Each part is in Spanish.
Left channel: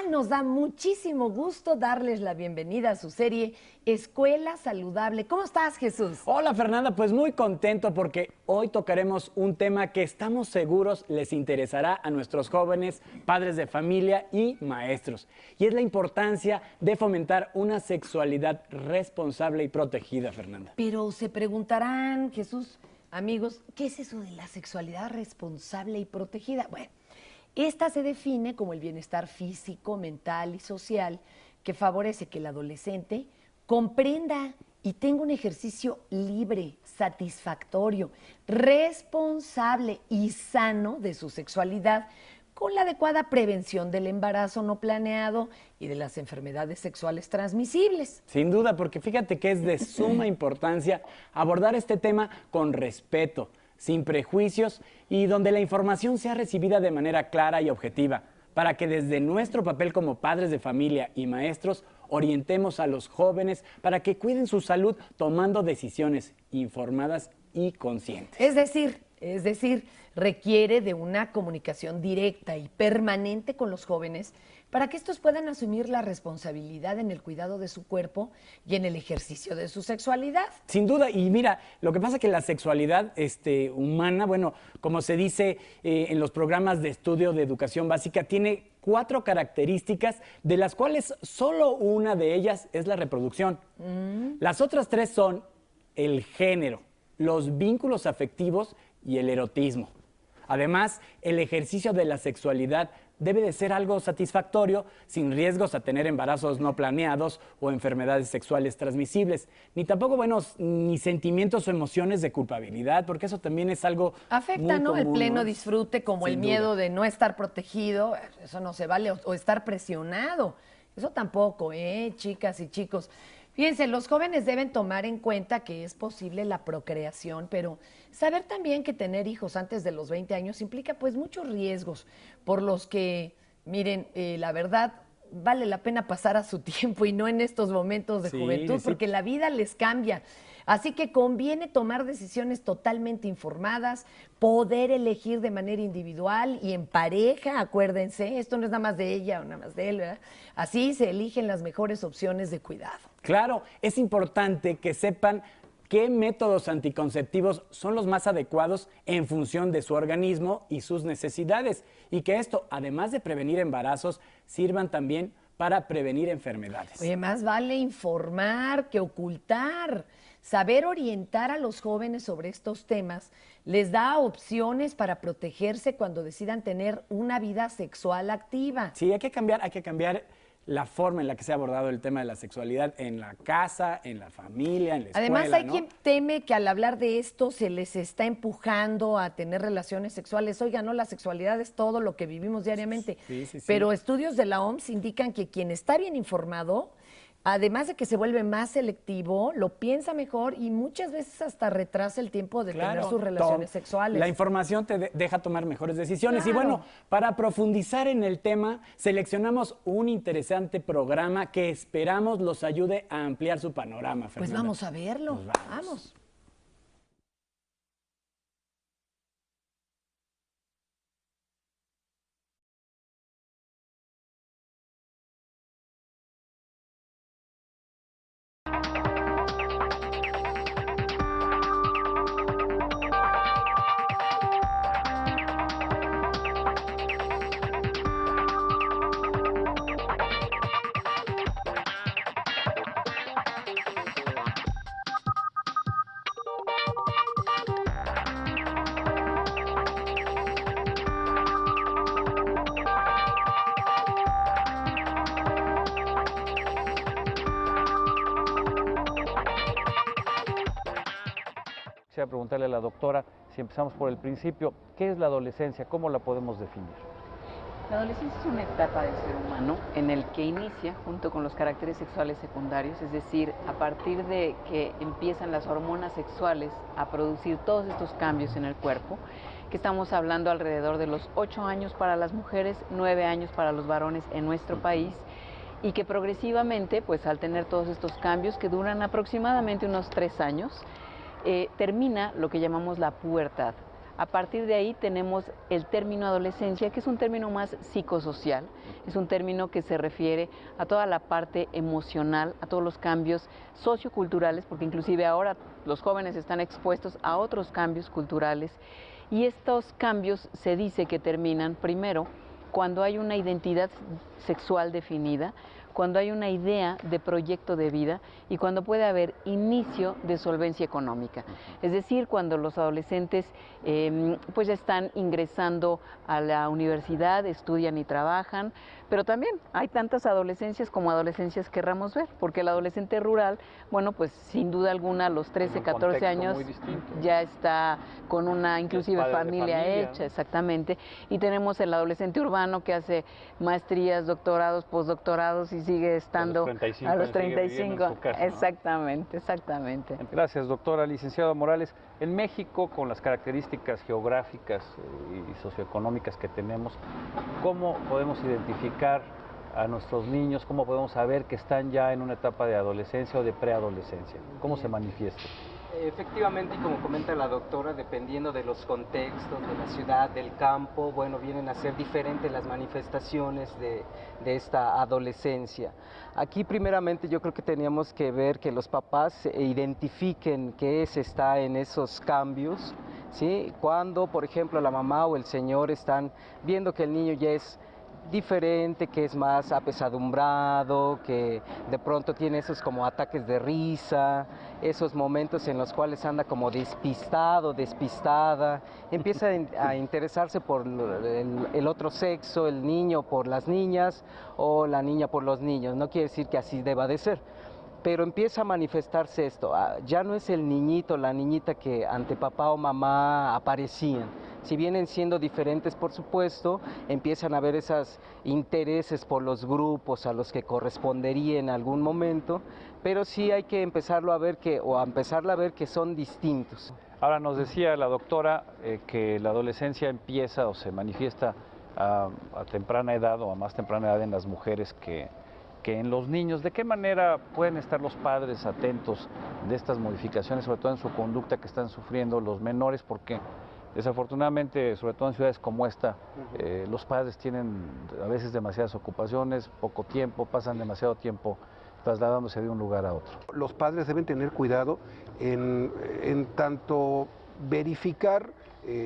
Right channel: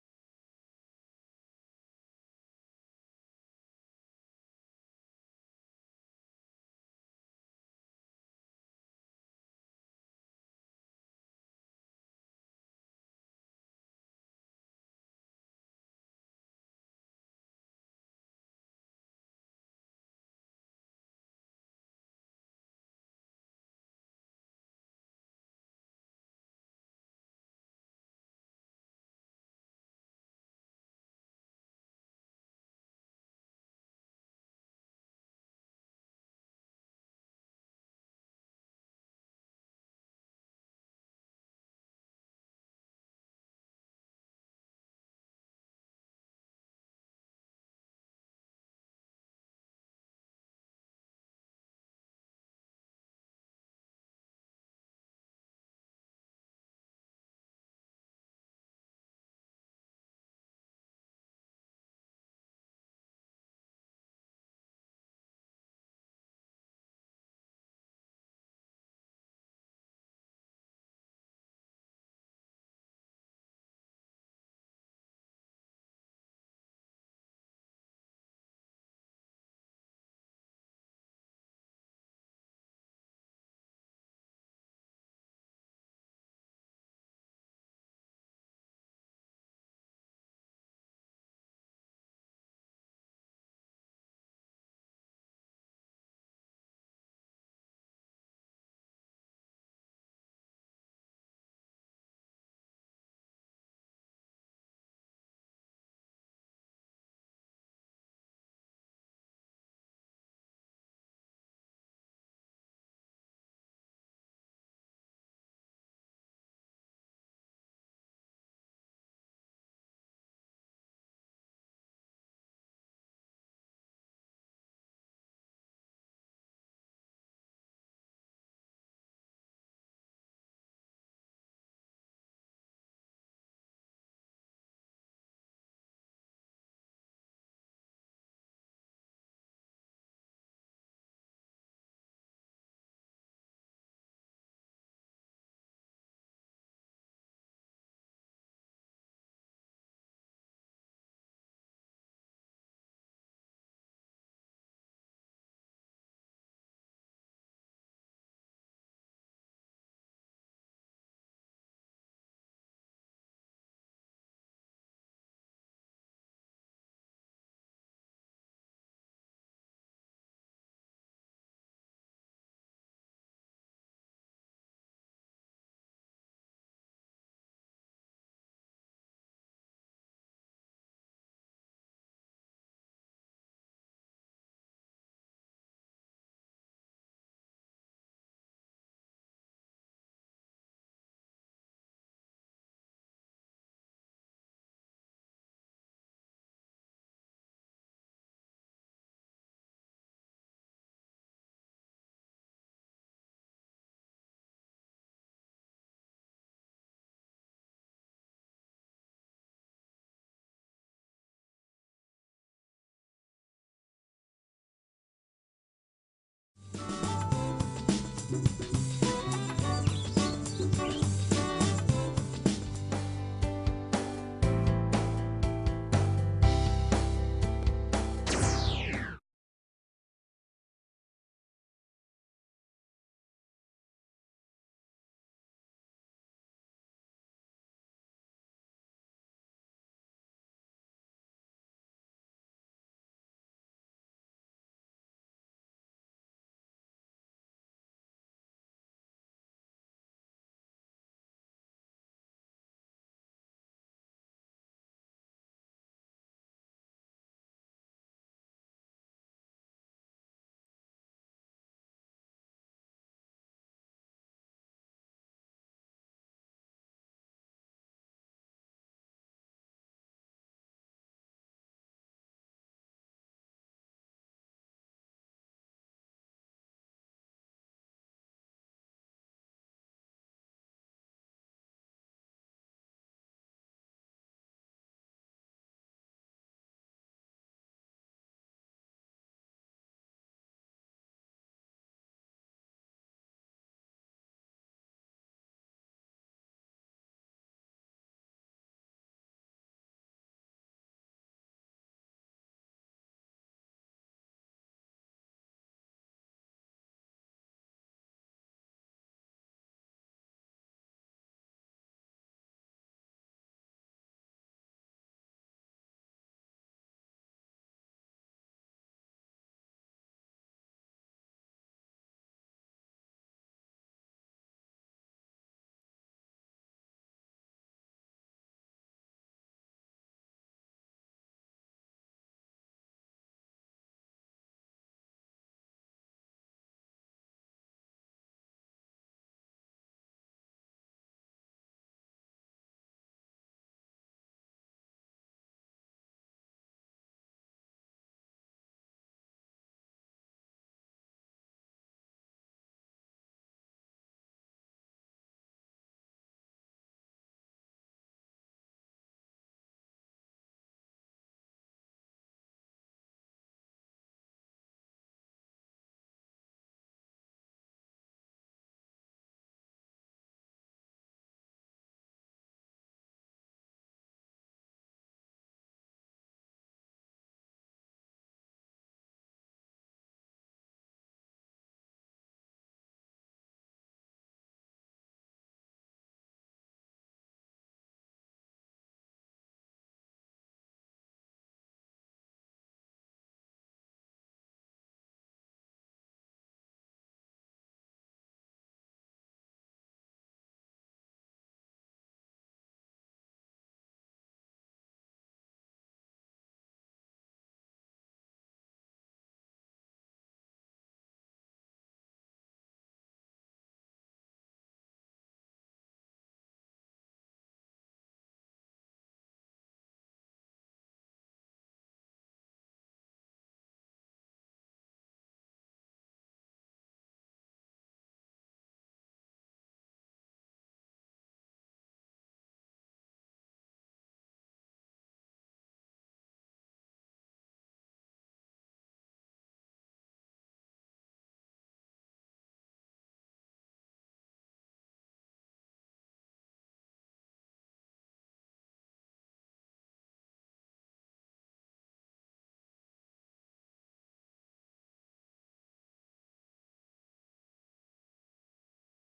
tal? Nos da muchísimo gusto darles la bienvenida a su serie Escuela Saludable. ¿Cómo estás, Jesús? Hola, Fernanda, pues muy contento porque hoy tocaremos un tema que estamos seguros les interesará a nuestros jóvenes, padres de familia y maestros. Y es la importancia de fomentar una sexualidad responsable y protegida, Fernanda. Pero se preguntarán, Jesús, amigos, ¿qué es eso de la sexualidad responsable y protegida? Bueno, esta se define como el bienestar físico, mental y social que favorece que el adolescente comprenda y tenga un ejercicio libre, satisfactorio, responsable y sano de su sexualidad, con la adecuada prevención del embarazo no planeado y de las enfermedades sexuales transmisibles. Sin duda, porque fíjate que es de suma importancia abordar este tema con respeto, sin prejuicios y donde la información sea recibida de manera clara y objetiva, para que desde nuestro papel como padres de familia y maestros orientemos a los jóvenes para que cuiden su salud tomando decisiones informadas y conscientes. Es decir, requiere de una comunicación directa y permanente con los jóvenes para que estos puedan asumir la responsabilidad en el cuidado de su cuerpo y en el ejercicio de su sexualidad. Sin duda, y mira, lo que pasa es que la sexualidad humana, bueno, como se dice en los programas de estudio de educación básica, tiene 4 características, de las cuales solo una de ellas es la reproducción. Las otras 3 son el género, los vínculos afectivos y el erotismo. Además, el ejercicio de la sexualidad debe de ser algo satisfactorio, sin riesgos a tener embarazos no planeados o enfermedades sexuales transmisibles, ni tampoco, ni sentimientos o emociones de culpabilidad, porque eso también es algo afecta, muy ¿no? común, El pleno ¿no? disfrute, como Sin el miedo duda. de no estar protegido, eso no se vale, o estar presionado. Eso tampoco, chicas y chicos. Fíjense, los jóvenes deben tomar en cuenta que es posible la procreación, pero saber también que tener hijos antes de los 20 años implica pues muchos riesgos, por los que, miren, la verdad, vale la pena pasar a su tiempo y no en estos momentos de Sí, juventud, sí. porque la vida les cambia. Así que conviene tomar decisiones totalmente informadas, poder elegir de manera individual y en pareja, acuérdense, esto no es nada más de ella o nada más de él, ¿verdad? Así se eligen las mejores opciones de cuidado. Claro, es importante que sepan qué métodos anticonceptivos son los más adecuados en función de su organismo y sus necesidades, y que esto, además de prevenir embarazos, sirvan también para prevenir enfermedades. Oye, más vale informar que ocultar. Saber orientar a los jóvenes sobre estos temas les da opciones para protegerse cuando decidan tener una vida sexual activa. Sí, hay que cambiar la forma en la que se ha abordado el tema de la sexualidad en la casa, en la familia, en la escuela. Además, hay ¿no? quien teme que al hablar de esto se les está empujando a tener relaciones sexuales. Oiga, no, la sexualidad es todo lo que vivimos diariamente. Sí. Pero estudios de la OMS indican que quien está bien informado, además de que se vuelve más selectivo, lo piensa mejor y muchas veces hasta retrasa el tiempo de tener sus relaciones sexuales. La información te deja tomar mejores decisiones. Claro. Y bueno, para profundizar en el tema, seleccionamos un interesante programa que esperamos los ayude a ampliar su panorama, Fernanda. Pues vamos a verlo. Pues vamos. Quisiera preguntarle a la doctora, si empezamos por el principio, ¿qué es la adolescencia? ¿Cómo la podemos definir? La adolescencia es una etapa del ser humano en el que inicia junto con los caracteres sexuales secundarios, es decir, a partir de que empiezan las hormonas sexuales a producir todos estos cambios en el cuerpo, que estamos hablando alrededor de los 8 años para las mujeres, 9 años para los varones en nuestro país, y que progresivamente, pues al tener todos estos cambios que duran aproximadamente unos 3 años, termina lo que llamamos la pubertad. A partir de ahí tenemos el término adolescencia, que es un término más psicosocial, es un término que se refiere a toda la parte emocional, a todos los cambios socioculturales, porque inclusive ahora los jóvenes están expuestos a otros cambios culturales, y estos cambios se dice que terminan primero cuando hay una identidad sexual definida, cuando hay una idea de proyecto de vida y cuando puede haber inicio de solvencia económica. Es decir, cuando los adolescentes pues están ingresando a la universidad, estudian y trabajan, pero también hay tantas adolescencias como adolescencias querramos ver, porque el adolescente rural, bueno, pues sin duda alguna a los 13, 14 años ya está con una inclusive familia hecha, ¿no? Exactamente, y tenemos el adolescente urbano que hace maestrías, doctorados, postdoctorados y sigue estando a los 35. En su casa, ¿no? Exactamente, exactamente. Gracias, doctora. Licenciado Morales, en México, con las características geográficas y socioeconómicas que tenemos, ¿cómo podemos identificar a nuestros niños? ¿Cómo podemos saber que están ya en una etapa de adolescencia o de preadolescencia? ¿Cómo se manifiesta? Efectivamente, y como comenta la doctora, dependiendo de los contextos, de la ciudad, del campo, bueno, vienen a ser diferentes las manifestaciones de esta adolescencia. Aquí primeramente yo creo que teníamos que ver que los papás identifiquen qué está en esos cambios, ¿sí? Cuando, por ejemplo, la mamá o el señor están viendo que el niño ya es diferente, que es más apesadumbrado, que de pronto tiene esos como ataques de risa, esos momentos en los cuales anda como despistado, despistada, empieza a interesarse por el otro sexo, el niño por las niñas o la niña por los niños. No quiere decir que así deba de ser, pero empieza a manifestarse esto. Ya no es el niñito, la niñita que ante papá o mamá aparecían. Si vienen siendo diferentes, por supuesto, empiezan a haber esos intereses por los grupos a los que correspondería en algún momento, pero sí hay que empezarlo a ver empezarla a ver que son distintos. Ahora nos decía la doctora que la adolescencia empieza o se manifiesta a temprana edad o a más temprana edad en las mujeres que en los niños. ¿De qué manera pueden estar los padres atentos de estas modificaciones, sobre todo en su conducta que están sufriendo los menores? Porque desafortunadamente, sobre todo en ciudades como esta, los padres tienen a veces demasiadas ocupaciones, poco tiempo, pasan demasiado tiempo trasladándose de un lugar a otro. Los padres deben tener cuidado en tanto verificar,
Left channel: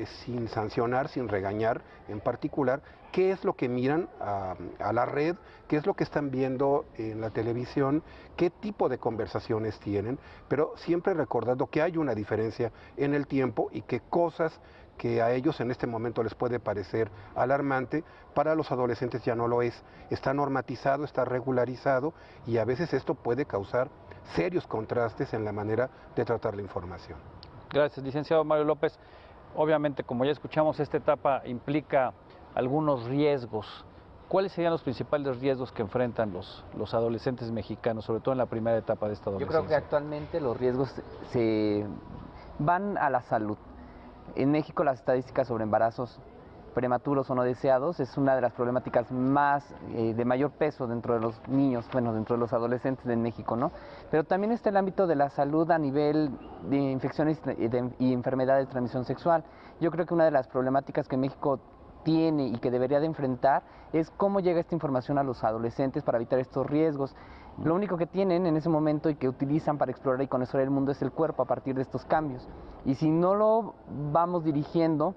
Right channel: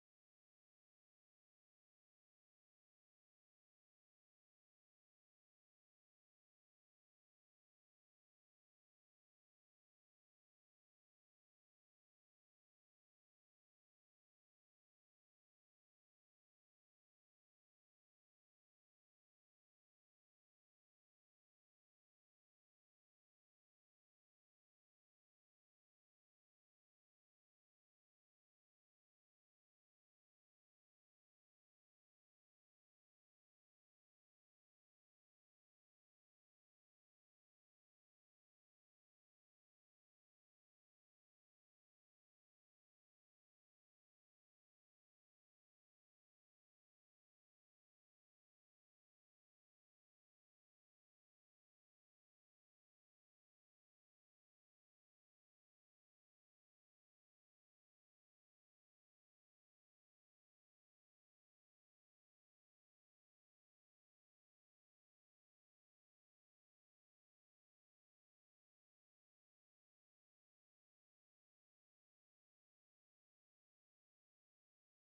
sin sancionar, sin regañar en particular, qué es lo que miran a la red, qué es lo que están viendo en la televisión, qué tipo de conversaciones tienen, pero siempre recordando que hay una diferencia en el tiempo y que cosas que a ellos en este momento les puede parecer alarmante, para los adolescentes ya no lo es. Está normatizado, está regularizado y a veces esto puede causar serios contrastes en la manera de tratar la información. Gracias, licenciado Mario López. Obviamente, como ya escuchamos, esta etapa implica algunos riesgos. ¿Cuáles serían los principales riesgos que enfrentan los adolescentes mexicanos, sobre todo en la primera etapa de esta adolescencia? Yo creo que actualmente los riesgos se van a la salud. En México las estadísticas sobre embarazos prematuros o no deseados es una de las problemáticas más de mayor peso dentro de los niños, bueno, dentro de los adolescentes de México, ¿no? Pero también está el ámbito de la salud a nivel de infecciones y enfermedades de transmisión sexual. Yo creo que una de las problemáticas que México tiene y que debería de enfrentar es cómo llega esta información a los adolescentes para evitar estos riesgos. Lo único que tienen en ese momento y que utilizan para explorar y conocer el mundo es el cuerpo a partir de estos cambios. Y si no lo vamos dirigiendo,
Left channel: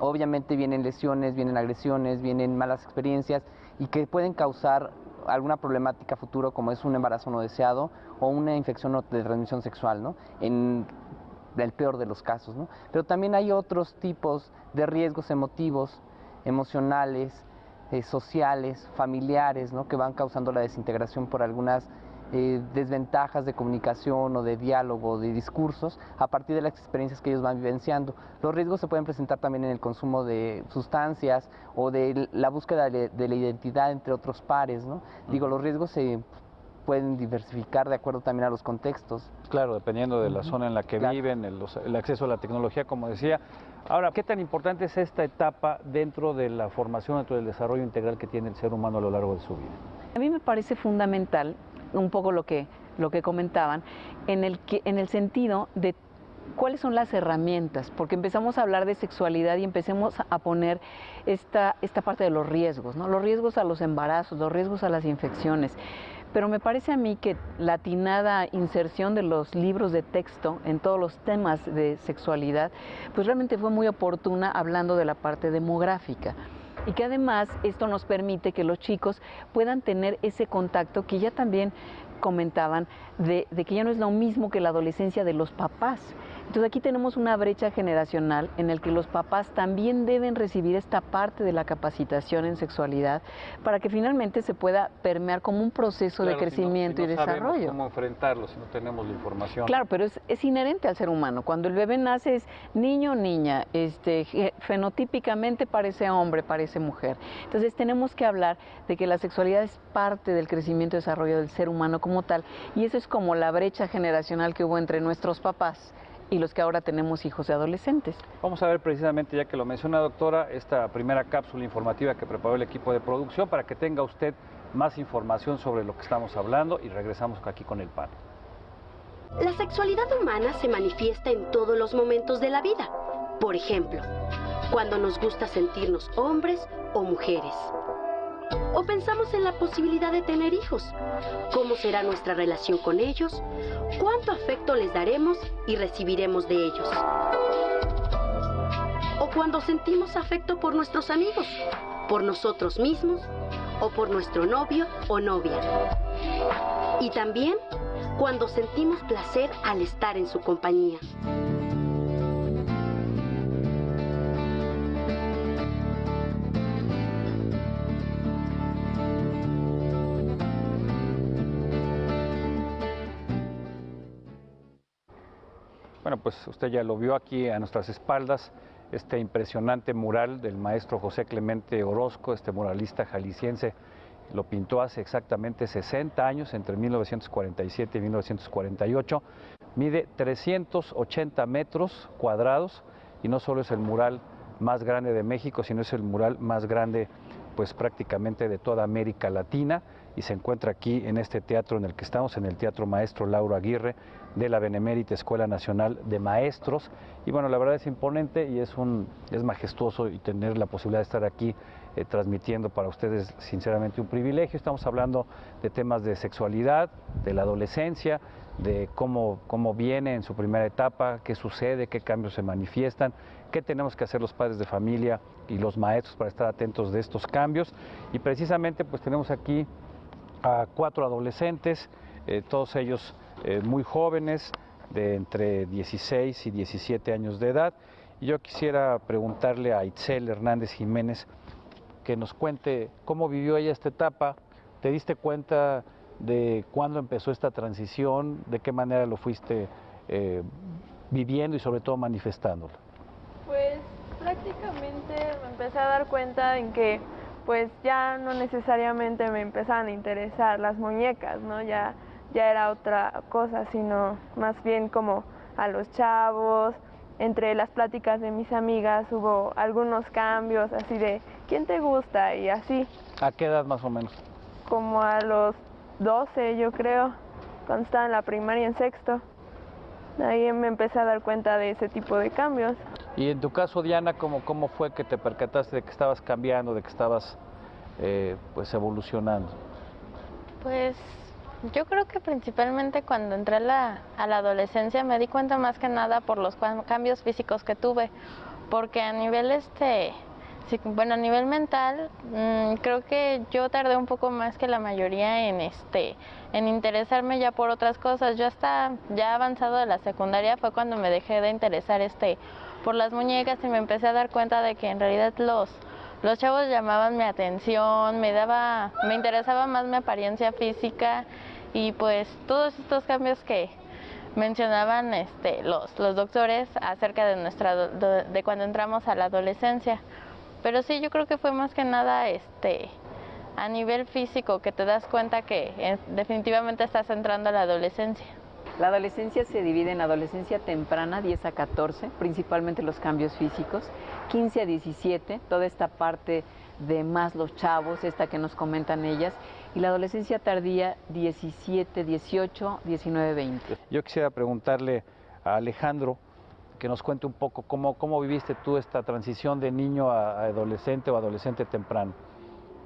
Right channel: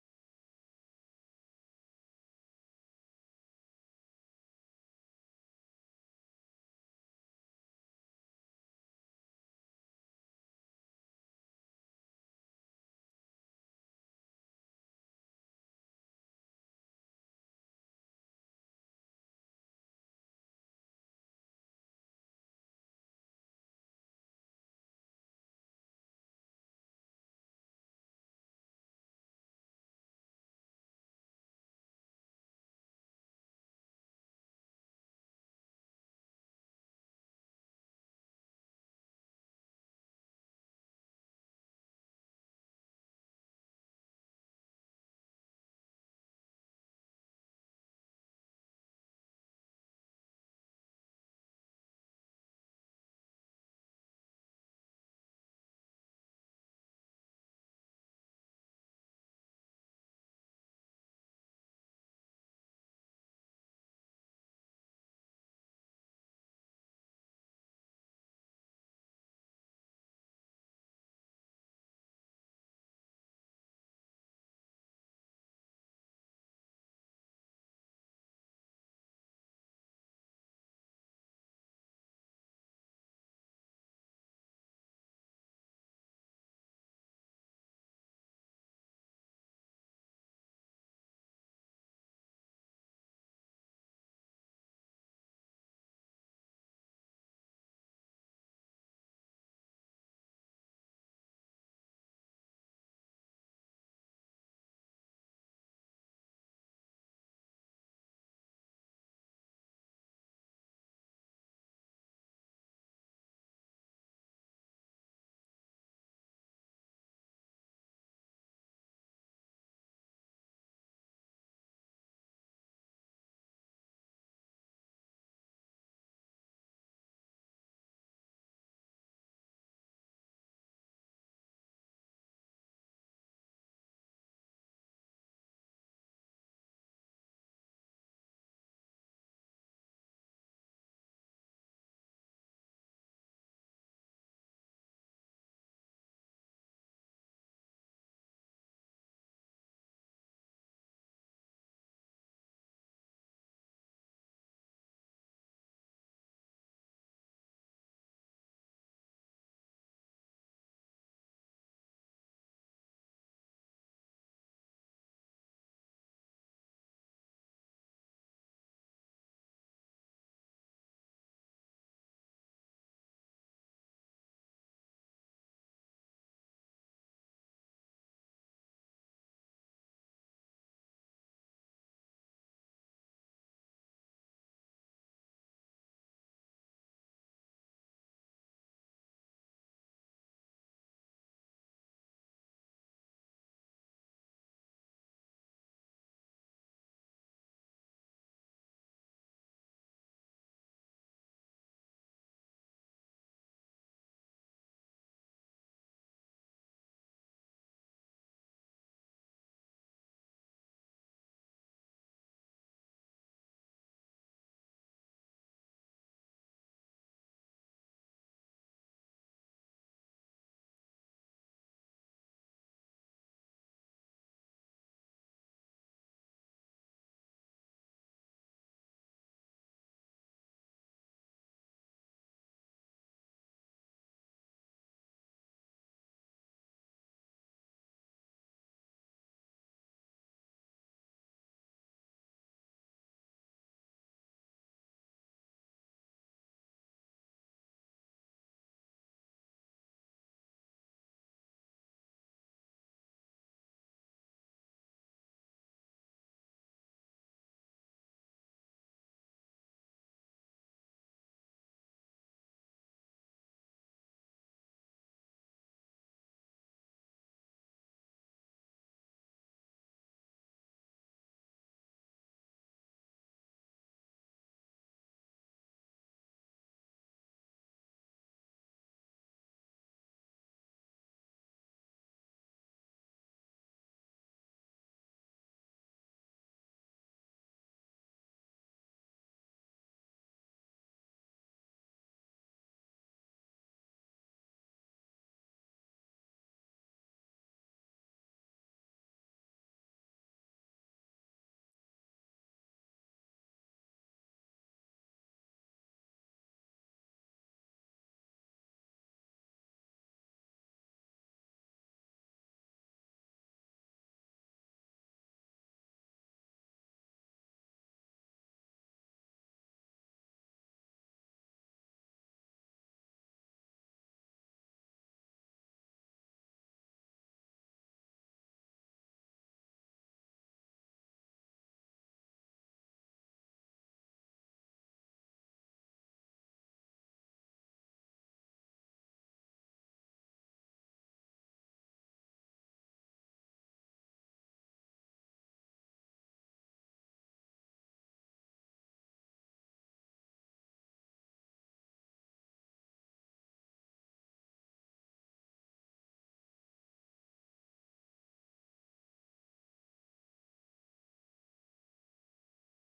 obviamente vienen lesiones, vienen agresiones, vienen malas experiencias y que pueden causar alguna problemática futuro como es un embarazo no deseado o una infección de transmisión sexual, ¿no? En el peor de los casos, ¿no? Pero también hay otros tipos de riesgos emotivos, emocionales, sociales, familiares, ¿no? Que van causando la desintegración por algunas desventajas de comunicación o de diálogo, de discursos, a partir de las experiencias que ellos van vivenciando. Los riesgos se pueden presentar también en el consumo de sustancias o de la búsqueda de la identidad entre otros pares, ¿no? Digo, los riesgos se pueden diversificar de acuerdo también a los contextos. Claro, dependiendo de la zona en la que viven, el acceso a la tecnología, como decía. Ahora, ¿qué tan importante es esta etapa dentro de la formación, dentro del desarrollo integral que tiene el ser humano a lo largo de su vida? A mí me parece fundamental un poco lo que comentaban, en el sentido de ¿cuáles son las herramientas? Porque empezamos a hablar de sexualidad y empecemos a poner esta parte de los riesgos, ¿no? Los riesgos a los embarazos, los riesgos a las infecciones. Pero me parece a mí que la atinada inserción de los libros de texto en todos los temas de sexualidad, pues realmente fue muy oportuna hablando de la parte demográfica. Y que además esto nos permite que los chicos puedan tener ese contacto que ya también comentaban de que ya no es lo mismo que la adolescencia de los papás. Entonces aquí tenemos una brecha generacional en el que los papás también deben recibir esta parte de la capacitación en sexualidad para que finalmente se pueda permear como un proceso de crecimiento y desarrollo. No sabemos cómo enfrentarlo si no tenemos la información. Claro, pero es inherente al ser humano. Cuando el bebé nace es niño o niña, fenotípicamente parece hombre, parece mujer. Entonces tenemos que hablar de que la sexualidad es parte del crecimiento y desarrollo del ser humano como tal, y eso es como la brecha generacional que hubo entre nuestros papás y los que ahora tenemos hijos de adolescentes. Vamos a ver precisamente, ya que lo menciona doctora, esta primera cápsula informativa que preparó el equipo de producción para que tenga usted más información sobre lo que estamos hablando, y regresamos aquí con el panel. La sexualidad humana se manifiesta en todos los momentos de la vida. Por ejemplo, cuando nos gusta sentirnos hombres o mujeres. O pensamos en la posibilidad de tener hijos. ¿Cómo será nuestra relación con ellos? ¿Cuánto afecto les daremos y recibiremos de ellos? O cuando sentimos afecto por nuestros amigos, por nosotros mismos o por nuestro novio o novia. Y también cuando sentimos placer al estar en su compañía. Bueno, pues usted ya lo vio aquí a nuestras espaldas, este impresionante mural del maestro José Clemente Orozco, este muralista jalisciense. Lo pintó hace exactamente 60 años, entre 1947 y 1948. Mide 380 metros cuadrados y no solo es el mural más grande de México, sino es el mural más grande pues prácticamente de toda América Latina, y se encuentra aquí en este teatro en el que estamos, en el Teatro Maestro Lauro Aguirre de la Benemérita Escuela Nacional de Maestros. Y bueno, la verdad es imponente y es majestuoso, y tener la posibilidad de estar aquí transmitiendo para ustedes, sinceramente un privilegio. Estamos hablando de temas de sexualidad, de la adolescencia, de cómo viene en su primera etapa, qué sucede, qué cambios se manifiestan, qué tenemos que hacer los padres de familia y los maestros para estar atentos de estos cambios. Y precisamente pues tenemos aquí a 4 adolescentes, todos ellos muy jóvenes, de entre 16 y 17 años de edad. Y yo quisiera preguntarle a Itzel Hernández Jiménez que nos cuente cómo vivió ella esta etapa. ¿Te diste cuenta de cuándo empezó esta transición? ¿De qué manera lo fuiste viviendo y sobre todo manifestándolo? Pues prácticamente me empecé a dar cuenta en que pues ya no necesariamente me empezaban a interesar las muñecas, ¿no? Ya era otra cosa, sino más bien como a los chavos. Entre las pláticas de mis amigas hubo algunos cambios así de ¿quién te gusta? Y así. ¿A qué edad más o menos? Como a los 12, yo creo, cuando estaba en la primaria, en sexto. Ahí me empecé a dar cuenta de ese tipo de cambios. Y en tu caso, Diana, ¿cómo fue que te percataste de que estabas cambiando, de que estabas pues evolucionando? Pues yo creo que principalmente cuando entré a la adolescencia me di cuenta más que nada por los cambios físicos que tuve, porque a nivel a nivel mental, creo que yo tardé un poco más que la mayoría en interesarme ya por otras cosas. Yo hasta ya avanzado de la secundaria fue cuando me dejé de interesar por las muñecas y me empecé a dar cuenta de que en realidad los chavos llamaban mi atención, me interesaba más mi apariencia física, y pues todos estos cambios que mencionaban los doctores acerca de cuando entramos a la adolescencia. Pero sí, yo creo que fue más que nada a nivel físico que te das cuenta que definitivamente estás entrando a la adolescencia. La adolescencia se divide en adolescencia temprana, 10 a 14, principalmente los cambios físicos, 15 a 17, toda esta parte de más los chavos, esta que nos comentan ellas, y la adolescencia tardía, 17, 18, 19, 20. Yo quisiera preguntarle a Alejandro que nos cuente un poco cómo viviste tú esta transición de niño a adolescente o adolescente temprano.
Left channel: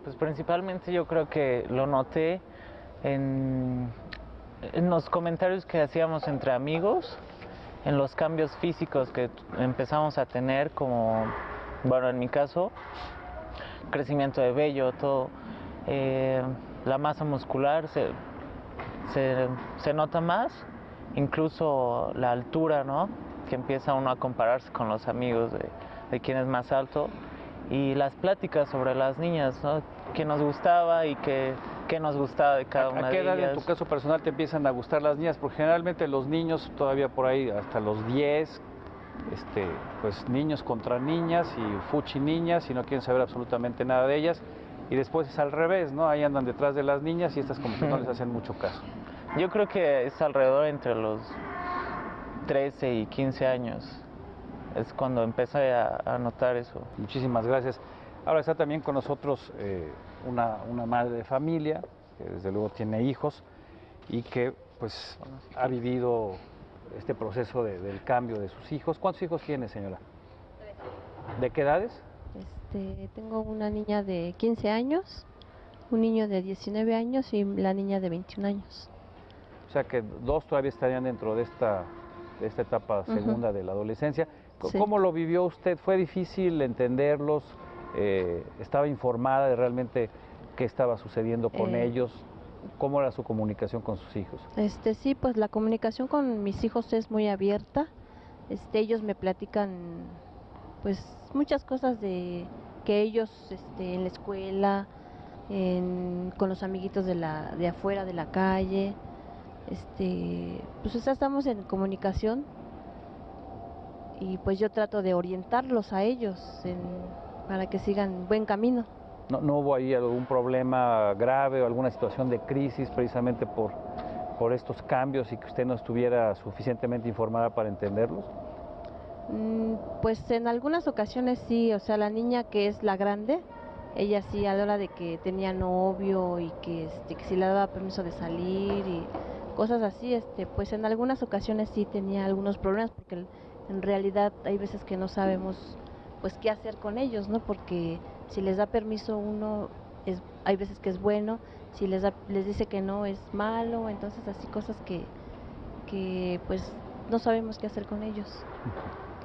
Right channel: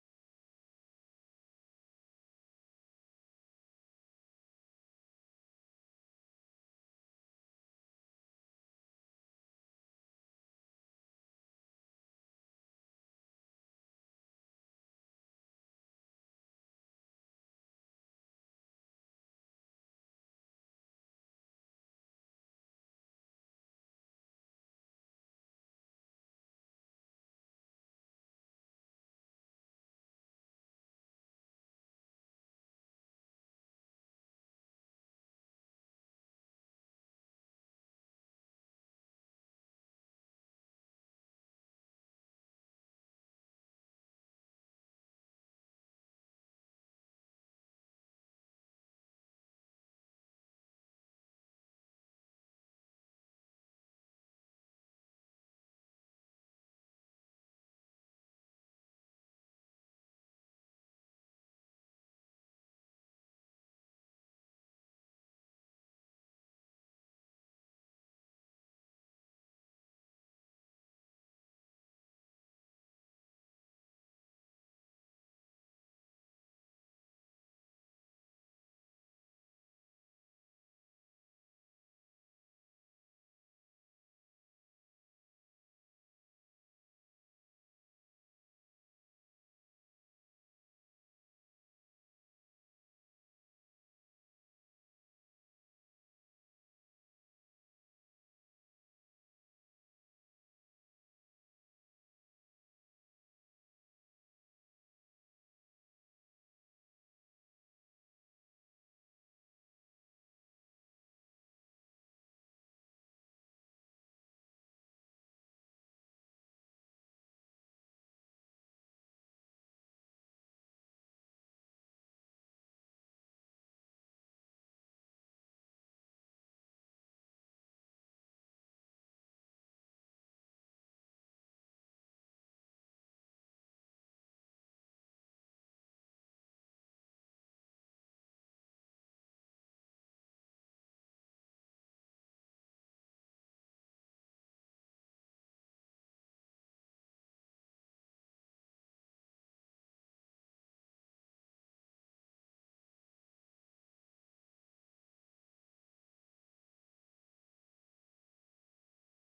Pues principalmente yo creo que lo noté en los comentarios que hacíamos entre amigos, en los cambios físicos que empezamos a tener, como, bueno, en mi caso, crecimiento de vello, todo, la masa muscular se nota más, incluso la altura, ¿no? Que empieza uno a compararse con los amigos de quién es más alto, y las pláticas sobre las niñas, ¿no? Qué nos gustaba y qué nos gustaba de cada una de ellas. ¿A qué edad en tu caso personal te empiezan a gustar las niñas? Porque generalmente los niños todavía por ahí hasta los 10, pues niños contra niñas y fuchi niñas y no quieren saber absolutamente nada de ellas. Y después es al revés, ¿no? Ahí andan detrás de las niñas y estas como que no les hacen mucho caso. Yo creo que es alrededor entre los 13 y 15 años. Es cuando empecé a notar eso. Muchísimas gracias. Ahora está también con nosotros una madre de familia, que desde luego tiene hijos y que pues ha vivido este proceso del cambio de sus hijos. ¿Cuántos hijos tiene, señora? 3. ¿De qué edades? Tengo una niña de 15 años, un niño de 19 años y la niña de 21 años. O sea que 2 todavía estarían dentro de esta etapa segunda de la adolescencia. Sí. ¿Cómo lo vivió usted? ¿Fue difícil entenderlos? ¿Estaba informada de realmente qué estaba sucediendo con ellos? ¿Cómo era su comunicación con sus hijos? Sí, pues la comunicación con mis hijos es muy abierta. Ellos me platican pues muchas cosas de que ellos en la escuela, con los amiguitos de afuera de la calle, pues estamos en comunicación y pues yo trato de orientarlos a ellos para que sigan buen camino. ¿No hubo ahí algún problema grave o alguna situación de crisis precisamente por estos cambios y que usted no estuviera suficientemente informada para entenderlos? Pues en algunas ocasiones sí, o sea, la niña que es la grande, ella sí a la hora de que tenía novio y que si le daba permiso de salir y cosas así, pues en algunas ocasiones sí tenía algunos problemas porque en realidad hay veces que no sabemos pues qué hacer con ellos, ¿no? Porque si les da permiso uno, hay veces que es bueno, si les dice que no es malo, entonces así cosas que pues no sabemos qué hacer con ellos.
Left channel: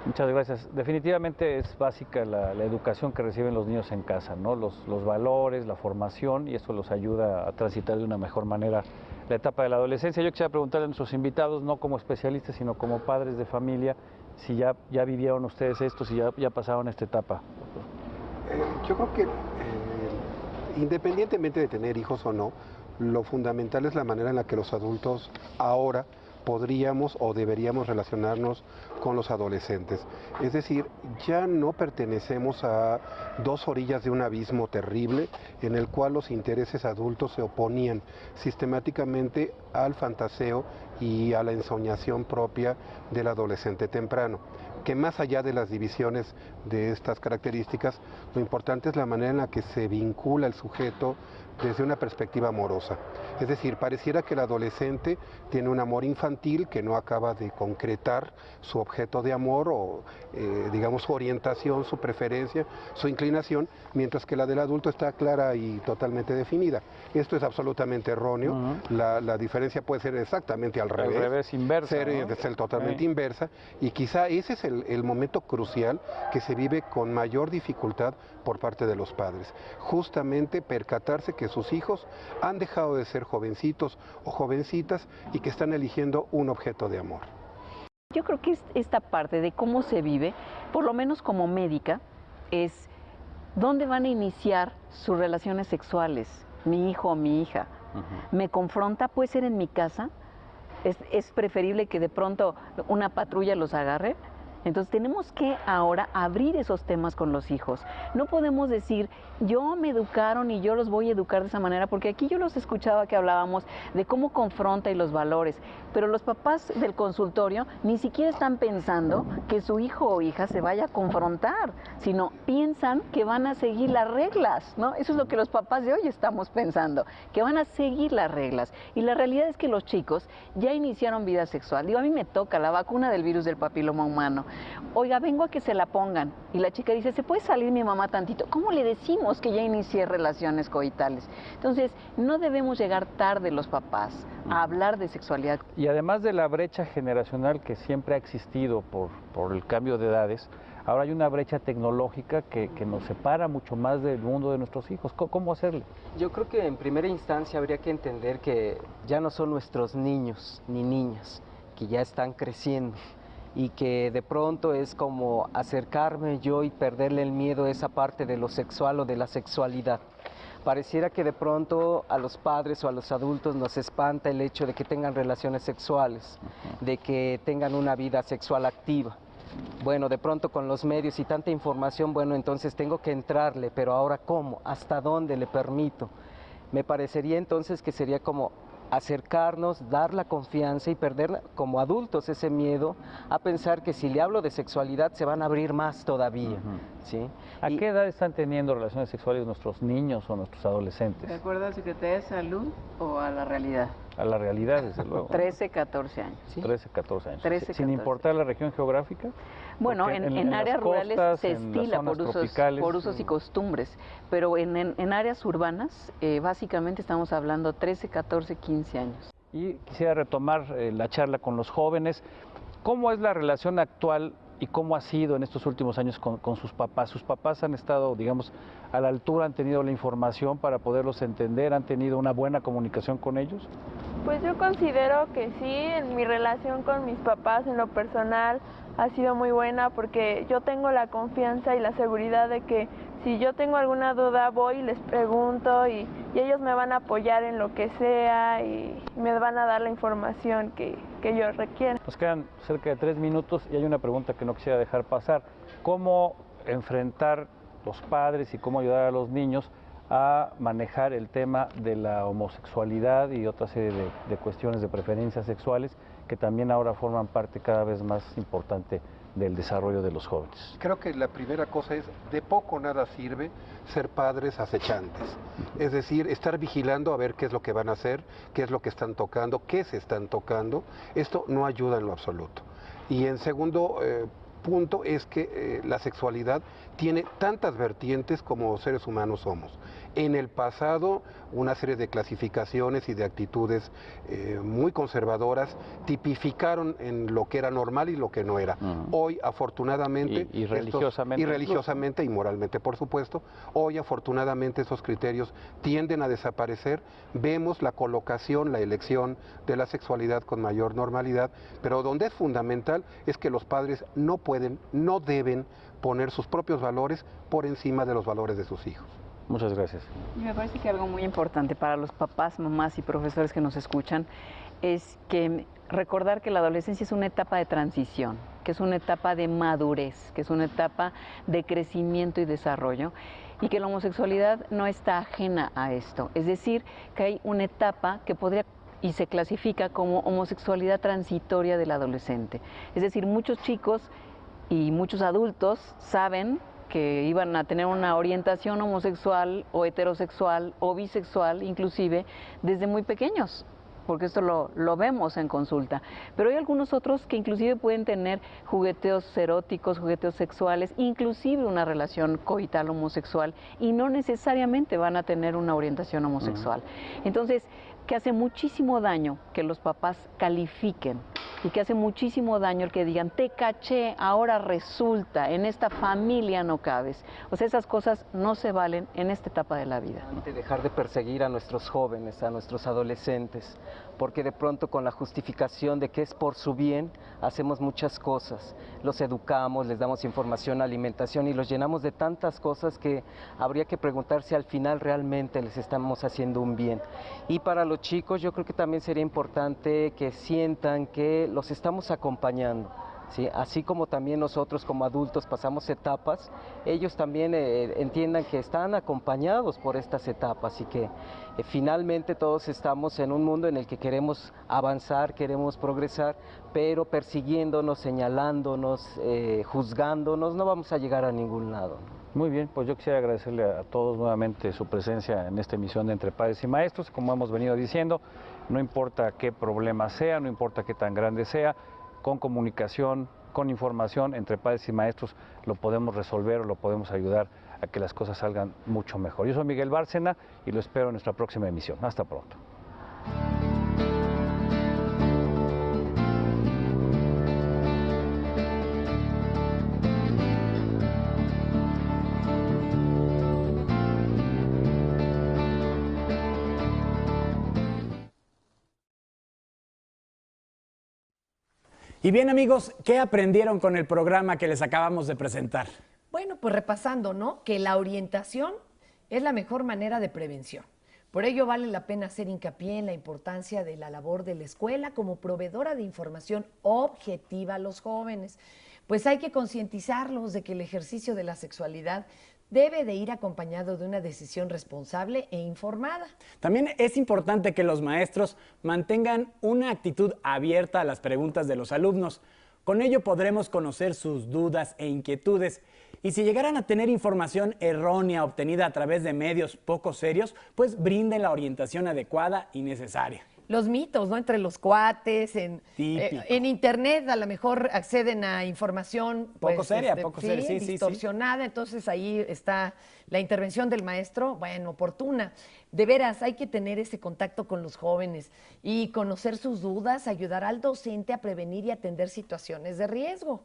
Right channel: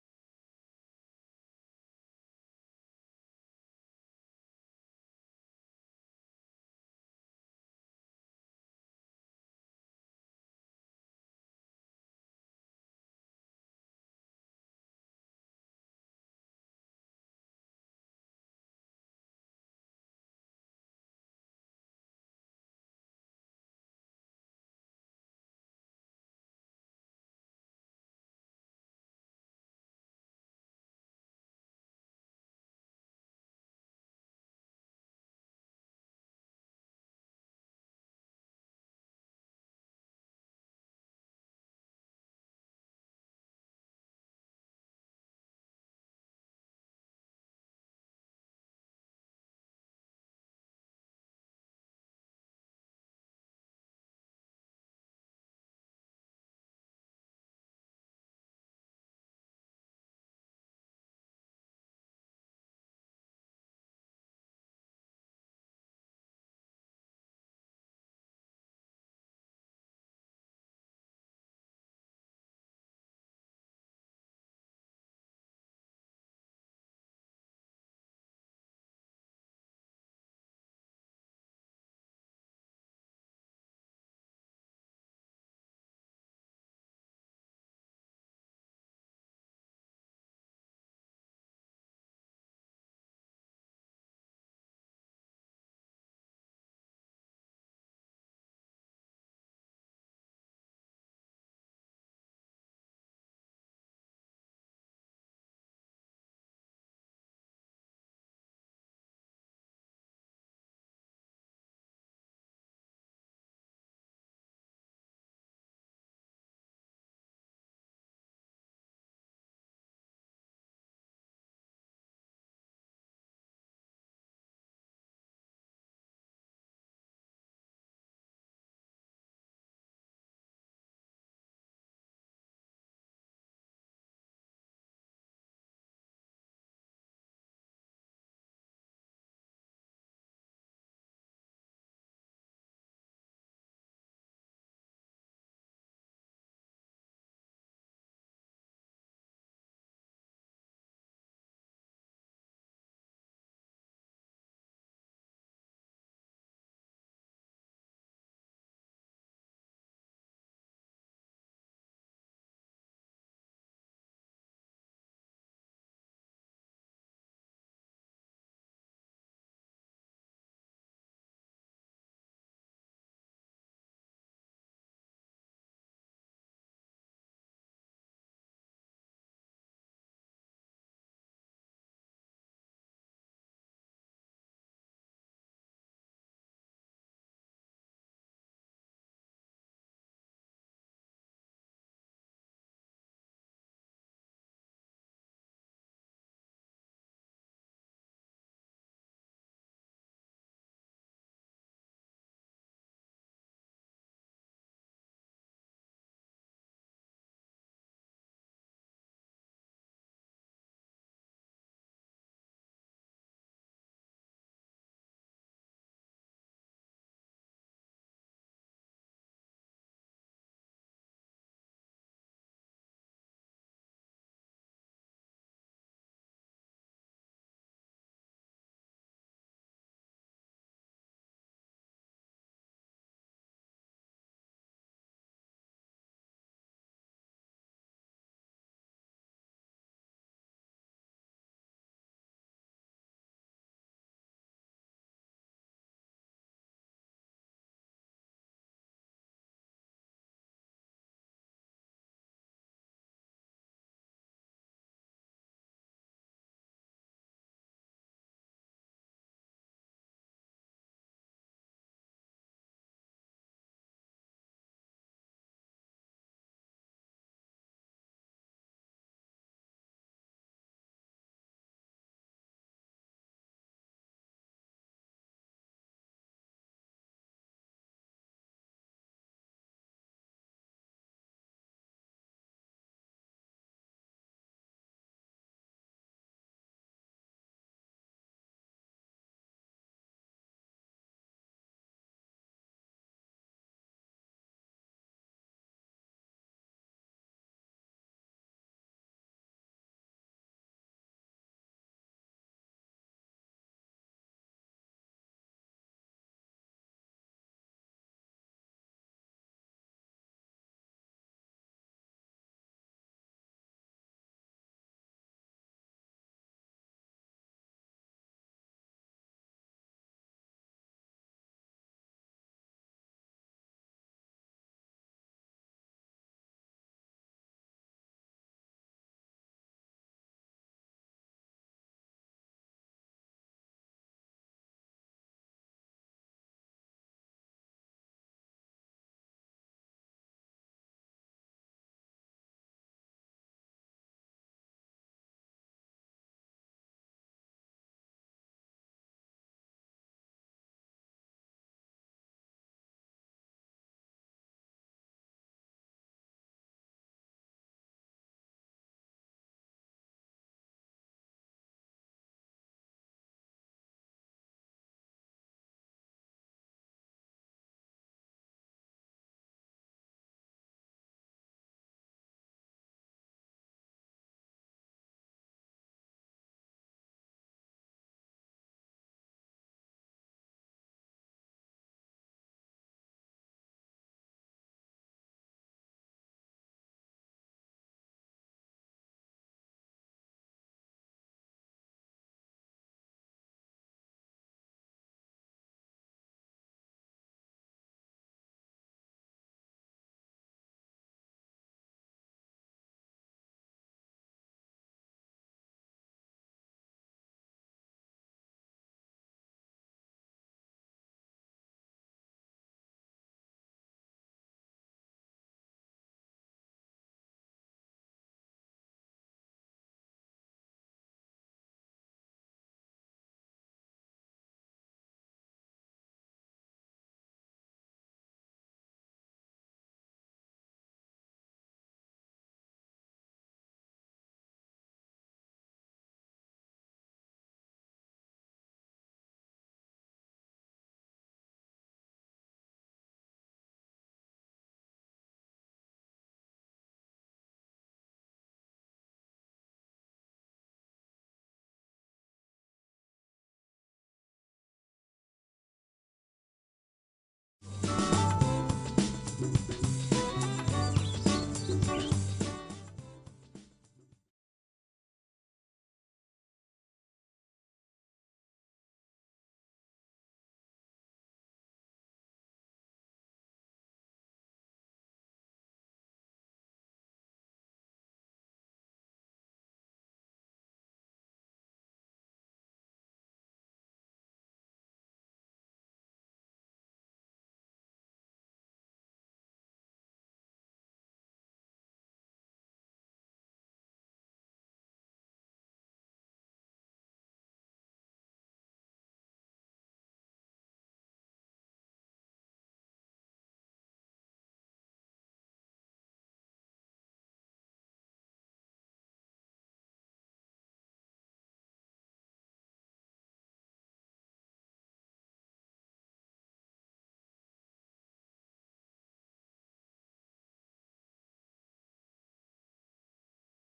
Muchas gracias. Definitivamente es básica la educación que reciben los niños en casa, ¿no? Los valores, la formación, y eso los ayuda a transitar de una mejor manera la etapa de la adolescencia. Yo quisiera preguntarle a nuestros invitados, no como especialistas, sino como padres de familia, si ya vivieron ustedes esto, si ya pasaron esta etapa. Yo creo que independientemente de tener hijos o no, lo fundamental es la manera en la que los adultos ahora podríamos o deberíamos relacionarnos con los adolescentes. Es decir, ya no pertenecemos a 2 orillas de un abismo terrible en el cual los intereses adultos se oponían sistemáticamente al fantaseo y a la ensoñación propia del adolescente temprano. Que más allá de las divisiones de estas características, lo importante es la manera en la que se vincula el sujeto desde una perspectiva amorosa. Es decir, pareciera que el adolescente tiene un amor infantil que no acaba de concretar su objeto de amor o, digamos, su orientación, su preferencia, su inclinación, mientras que la del adulto está clara y totalmente definida. Esto es absolutamente erróneo. La diferencia puede ser exactamente al revés. Al revés, inversa. Ser totalmente inversa. Y quizá ese es el momento crucial que se vive con mayor dificultad por parte de los padres. Justamente percatarse que sus hijos han dejado de ser jovencitos o jovencitas y que están eligiendo un objeto de amor. Yo creo que esta parte de cómo se vive, por lo menos como médica, es dónde van a iniciar sus relaciones sexuales, mi hijo o mi hija. Me confronta, puede ser en mi casa, es preferible que de pronto una patrulla los agarre. Entonces tenemos que ahora abrir esos temas con los hijos. No podemos decir, yo me educaron y yo los voy a educar de esa manera, porque aquí yo los escuchaba que hablábamos de cómo confronta y los valores, pero los papás del consultorio ni siquiera están pensando que su hijo o hija se vaya a confrontar, sino piensan que van a seguir las reglas, ¿no? Eso es lo que los papás de hoy estamos pensando, que van a seguir las reglas. Y la realidad es que los chicos ya iniciaron vida sexual. Digo, a mí me toca la vacuna del virus del papiloma humano. Oiga, vengo a que se la pongan. Y la chica dice, ¿se puede salir mi mamá tantito? ¿Cómo le decimos que ya inicié relaciones coitales? Entonces, no debemos llegar tarde los papás a hablar de sexualidad. Y además de la brecha generacional que siempre ha existido por el cambio de edades, ahora hay una brecha tecnológica que nos separa mucho más del mundo de nuestros hijos. ¿Cómo hacerle? Yo creo que en primera instancia habría que entender que ya no son nuestros niños ni niñas, que ya están creciendo y que de pronto es como acercarme yo y perderle el miedo a esa parte de lo sexual o de la sexualidad. Pareciera que de pronto a los padres o a los adultos nos espanta el hecho de que tengan relaciones sexuales, de que tengan una vida sexual activa. Bueno, de pronto con los medios y tanta información, bueno, entonces tengo que entrarle, pero ahora ¿cómo? ¿Hasta dónde le permito? Me parecería entonces que sería como acercarnos, dar la confianza y perder como adultos ese miedo a pensar que si le hablo de sexualidad se van a abrir más todavía, ¿sí? ¿A qué edad están teniendo relaciones sexuales nuestros niños o nuestros adolescentes? ¿De acuerdo a la Secretaría de Salud o a la realidad? A la realidad, desde luego. 13, 14 años. ¿Sí? 13, 14 años. 13, Sin 14. importar la región geográfica. Bueno, en áreas rurales se estila por usos y costumbres, pero en áreas urbanas básicamente estamos hablando 13, 14, 15 años. Y quisiera retomar la charla con los jóvenes. ¿Cómo es la relación actual y cómo ha sido en estos últimos años con sus papás? ¿Sus papás han estado, digamos, a la altura, han tenido la información para poderlos entender, han tenido una buena comunicación con ellos? Pues yo considero que sí, en mi relación con mis papás en lo personal ha sido muy buena porque yo tengo la confianza y la seguridad de que si yo tengo alguna duda voy y les pregunto y ellos me van a apoyar en lo que sea y me van a dar la información que yo requiera. Nos quedan cerca de 3 minutos y hay una pregunta que no quisiera dejar pasar. ¿Cómo enfrentar los padres y cómo ayudar a los niños a manejar el tema de la homosexualidad y otra serie de cuestiones de preferencias sexuales que también ahora forman parte cada vez más importante del desarrollo de los jóvenes? Creo que la primera cosa es, de poco nada sirve ser padres acechantes. Es decir, estar vigilando a ver qué es lo que van a hacer, qué es lo que están tocando, qué se están tocando. Esto no ayuda en lo absoluto. Y en segundo punto es que la sexualidad tiene tantas vertientes como seres humanos somos. En el pasado, una serie de clasificaciones y de actitudes muy conservadoras tipificaron en lo que era normal y lo que no era. Hoy, afortunadamente, y religiosamente, y moralmente, por supuesto, hoy, afortunadamente, esos criterios tienden a desaparecer. Vemos la colocación, la elección de la sexualidad con mayor normalidad, pero donde es fundamental es que los padres no pueden, no deben poner sus propios valores por encima de los valores de sus hijos. Muchas gracias. Y me parece que algo muy importante para los papás, mamás y profesores que nos escuchan es que recordar que la adolescencia es una etapa de transición, que es una etapa de madurez, que es una etapa de crecimiento y desarrollo, y que la homosexualidad no está ajena a esto. Es decir, que hay una etapa que podría y se clasifica como homosexualidad transitoria del adolescente. Es decir, muchos chicos y muchos adultos saben que iban a tener una orientación homosexual o heterosexual o bisexual, inclusive desde muy pequeños, porque esto lo vemos en consulta. Pero hay algunos otros que inclusive pueden tener jugueteos eróticos, jugueteos sexuales, inclusive una relación coital homosexual, y no necesariamente van a tener una orientación homosexual. Entonces, que hace muchísimo daño que los papás califiquen y que hace muchísimo daño el que digan, te caché, ahora resulta, en esta familia no cabes. O sea, esas cosas no se valen en esta etapa de la vida. Dejar de perseguir a nuestros jóvenes, a nuestros adolescentes, porque de pronto con la justificación de que es por su bien, hacemos muchas cosas. Los educamos, les damos información, alimentación y los llenamos de tantas cosas que habría que preguntar si al final realmente les estamos haciendo un bien. Y para los chicos yo creo que también sería importante que sientan que los estamos acompañando. ¿sí? Así como también nosotros como adultos pasamos etapas, ellos también entiendan que están acompañados por estas etapas y que finalmente todos estamos en un mundo en el que queremos avanzar, queremos progresar, pero persiguiéndonos, señalándonos, juzgándonos, no vamos a llegar a ningún lado. Muy bien, pues yo quisiera agradecerle a todos nuevamente su presencia en esta emisión de Entre Padres y Maestros. Como hemos venido diciendo, no importa qué problema sea, no importa qué tan grande sea, con comunicación, con información entre padres y maestros lo podemos resolver o lo podemos ayudar a que las cosas salgan mucho mejor. Yo soy Miguel Bárcena y lo espero en nuestra próxima emisión. Hasta pronto. Y bien, amigos, ¿qué aprendieron con el programa que les acabamos de presentar? Bueno, pues repasando, ¿no? Que la orientación es la mejor manera de prevención. Por ello vale la pena hacer hincapié en la importancia de la labor de la escuela como proveedora de información objetiva a los jóvenes. Pues hay que concientizarlos de que el ejercicio de la sexualidad debe de ir acompañado de una decisión responsable e informada. También es importante que los maestros mantengan una actitud abierta a las preguntas de los alumnos. Con ello podremos conocer sus dudas e inquietudes. Y si llegaran a tener información errónea obtenida a través de medios poco serios, pues brinden la orientación adecuada y necesaria. Los mitos, ¿no? Entre los cuates, en internet a lo mejor acceden a información poco pues, seria, poco seria, sí, distorsionada, entonces ahí está la intervención del maestro, bueno, oportuna. De veras, hay que tener ese contacto con los jóvenes y conocer sus dudas, ayudar al docente a prevenir y atender situaciones de riesgo.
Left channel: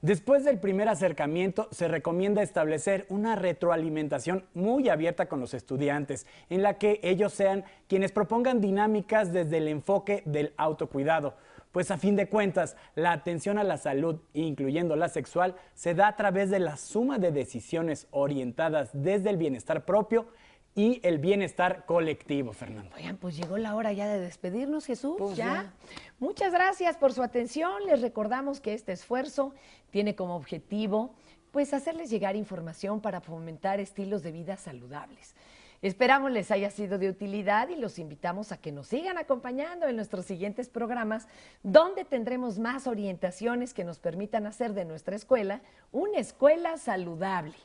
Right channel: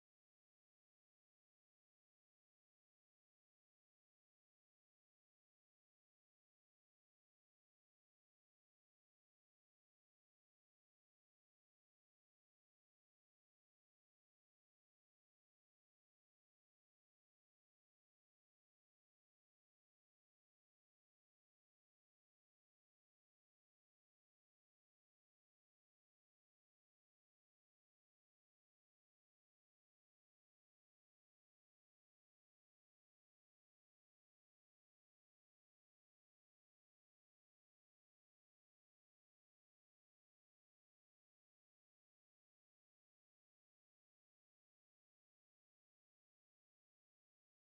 Después del primer acercamiento, se recomienda establecer una retroalimentación muy abierta con los estudiantes, en la que ellos sean quienes propongan dinámicas desde el enfoque del autocuidado. Pues a fin de cuentas, la atención a la salud, incluyendo la sexual, se da a través de la suma de decisiones orientadas desde el bienestar propio y el bienestar colectivo, Fernando. Oigan, pues llegó la hora ya de despedirnos, Jesús. Pues ¿Ya? Muchas gracias por su atención. Les recordamos que este esfuerzo tiene como objetivo, pues, hacerles llegar información para fomentar estilos de vida saludables. Esperamos les haya sido de utilidad y los invitamos a que nos sigan acompañando en nuestros siguientes programas, donde tendremos más orientaciones que nos permitan hacer de nuestra escuela una escuela saludable.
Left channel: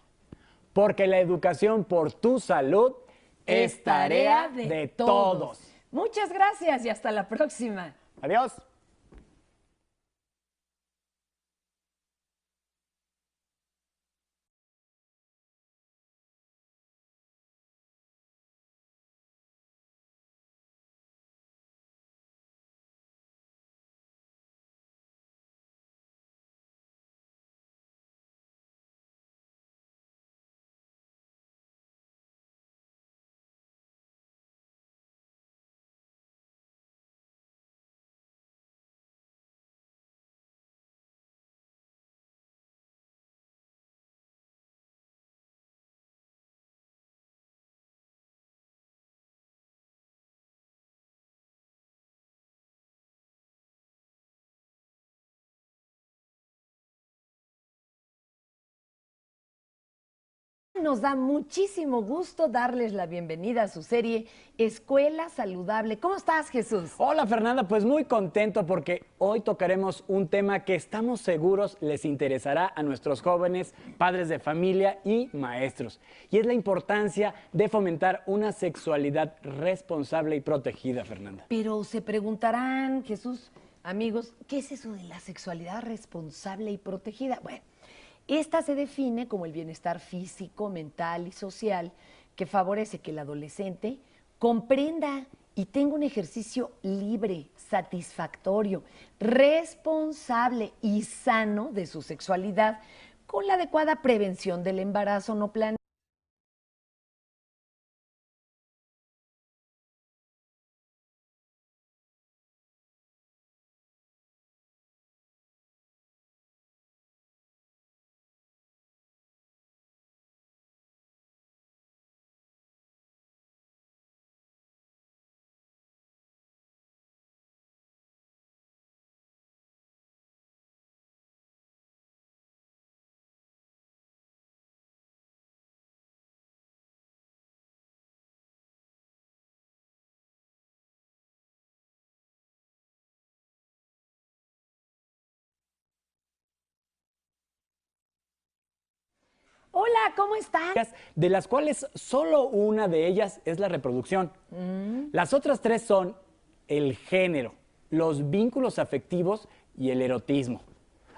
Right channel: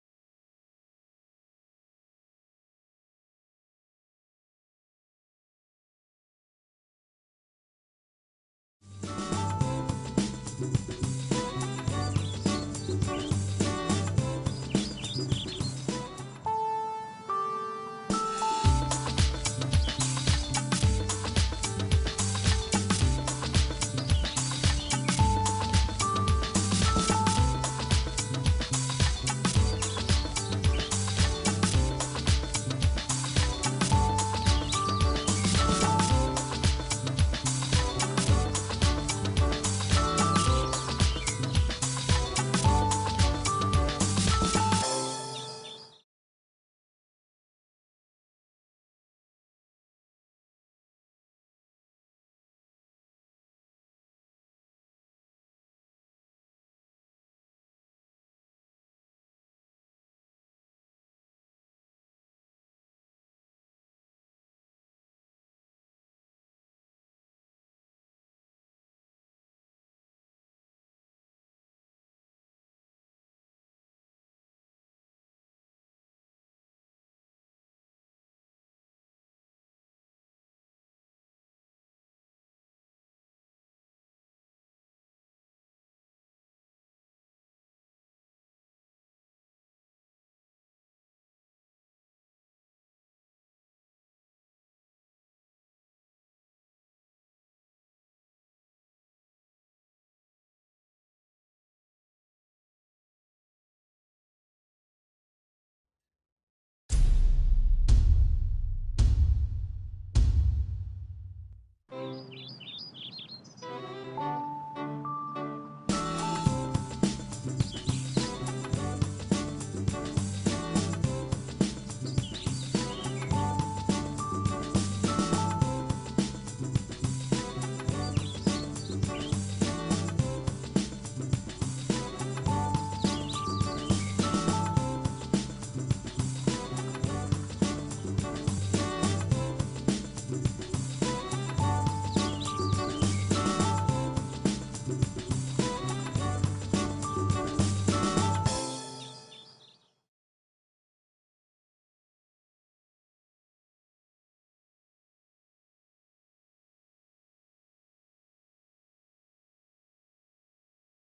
Porque la educación por tu salud es tarea de todos. Muchas gracias y hasta la próxima. Adiós. Nos da muchísimo gusto darles la bienvenida a su serie Escuela Saludable. ¿Cómo estás, Jesús? Hola, Fernanda, pues muy contento porque hoy tocaremos un tema que estamos seguros les interesará a nuestros jóvenes, padres de familia y maestros. Y es la importancia de fomentar una sexualidad responsable y protegida, Fernanda. Pero se preguntarán, Jesús, amigos, ¿qué es eso de la sexualidad responsable y protegida? Bueno, esta se define como el bienestar físico, mental y social que favorece que el adolescente comprenda y tenga un ejercicio libre, satisfactorio, responsable y sano de su sexualidad con la adecuada prevención del embarazo no planeado. de las cuales solo una de ellas es la reproducción. Las otras tres son el género, los vínculos afectivos y el erotismo.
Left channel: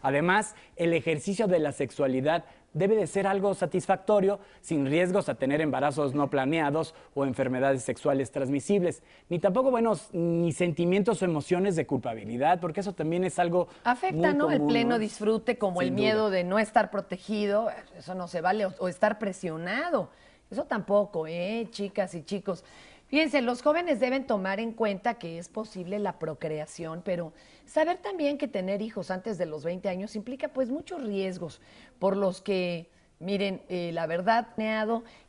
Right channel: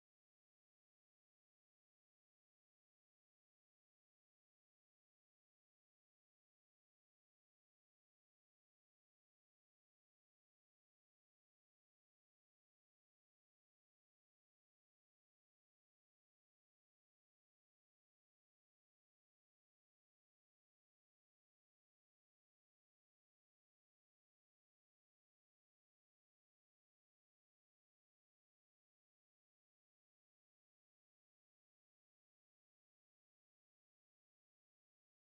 Además, el ejercicio de la sexualidad debe de ser algo satisfactorio, sin riesgos a tener embarazos no planeados o enfermedades sexuales transmisibles, ni tampoco, ni sentimientos o emociones de culpabilidad, porque eso también es algo afecta, muy ¿no? común, El pleno ¿no? disfrute, como Sin el duda. miedo de no estar protegido, eso no se vale, o estar presionado, eso tampoco, chicas y chicos. Fíjense, los jóvenes deben tomar en cuenta que es posible la procreación, pero saber también que tener hijos antes de los 20 años implica pues muchos riesgos, por los que, miren, la verdad,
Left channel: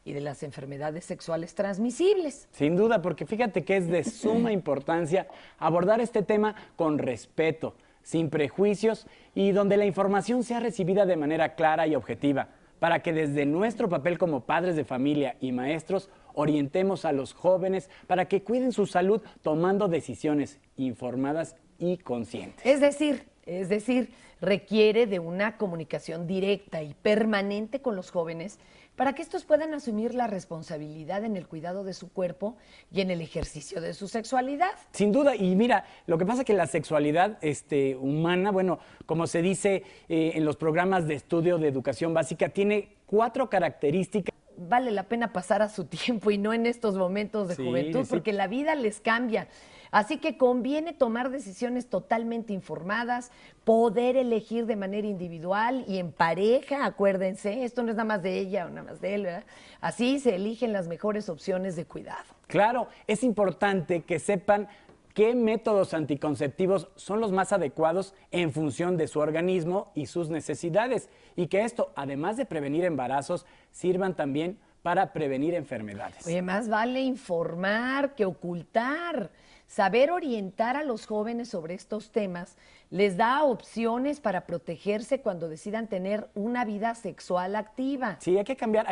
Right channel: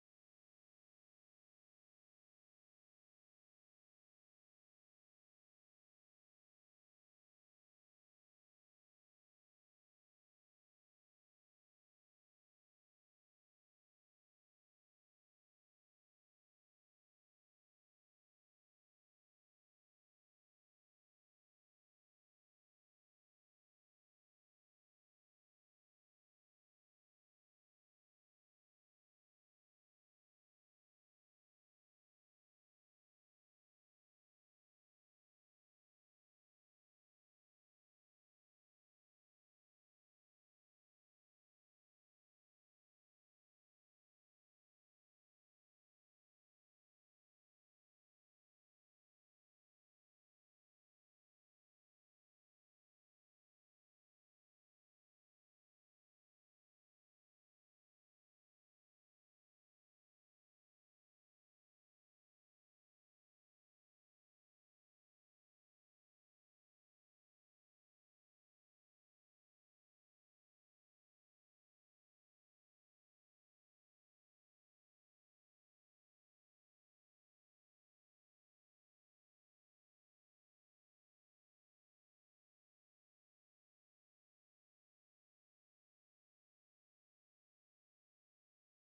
y de las enfermedades sexuales transmisibles. Sin duda, porque fíjate que es de suma importancia abordar este tema con respeto, sin prejuicios y donde la información sea recibida de manera clara y objetiva, para que desde nuestro papel como padres de familia y maestros orientemos a los jóvenes para que cuiden su salud tomando decisiones informadas y conscientes. Es decir, requiere de una comunicación directa y permanente con los jóvenes para que estos puedan asumir la responsabilidad en el cuidado de su cuerpo y en el ejercicio de su sexualidad. Sin duda, y mira, lo que pasa es que la sexualidad humana, como se dice en los programas de estudio de educación básica, tiene 4 características. Vale la pena pasar a su tiempo y no en estos momentos de juventud, porque la vida les cambia. Así que conviene tomar decisiones totalmente informadas, poder elegir de manera individual y en pareja, acuérdense, esto no es nada más de ella o nada más de él, ¿verdad? Así se eligen las mejores opciones de cuidado. Claro, es importante que sepan qué métodos anticonceptivos son los más adecuados en función de su organismo y sus necesidades, y que esto, además de prevenir embarazos, sirvan también para prevenir enfermedades. Oye, más vale informar que ocultar. Saber orientar a los jóvenes sobre estos temas les da opciones para protegerse cuando decidan tener una vida sexual activa. Sí, hay que cambiar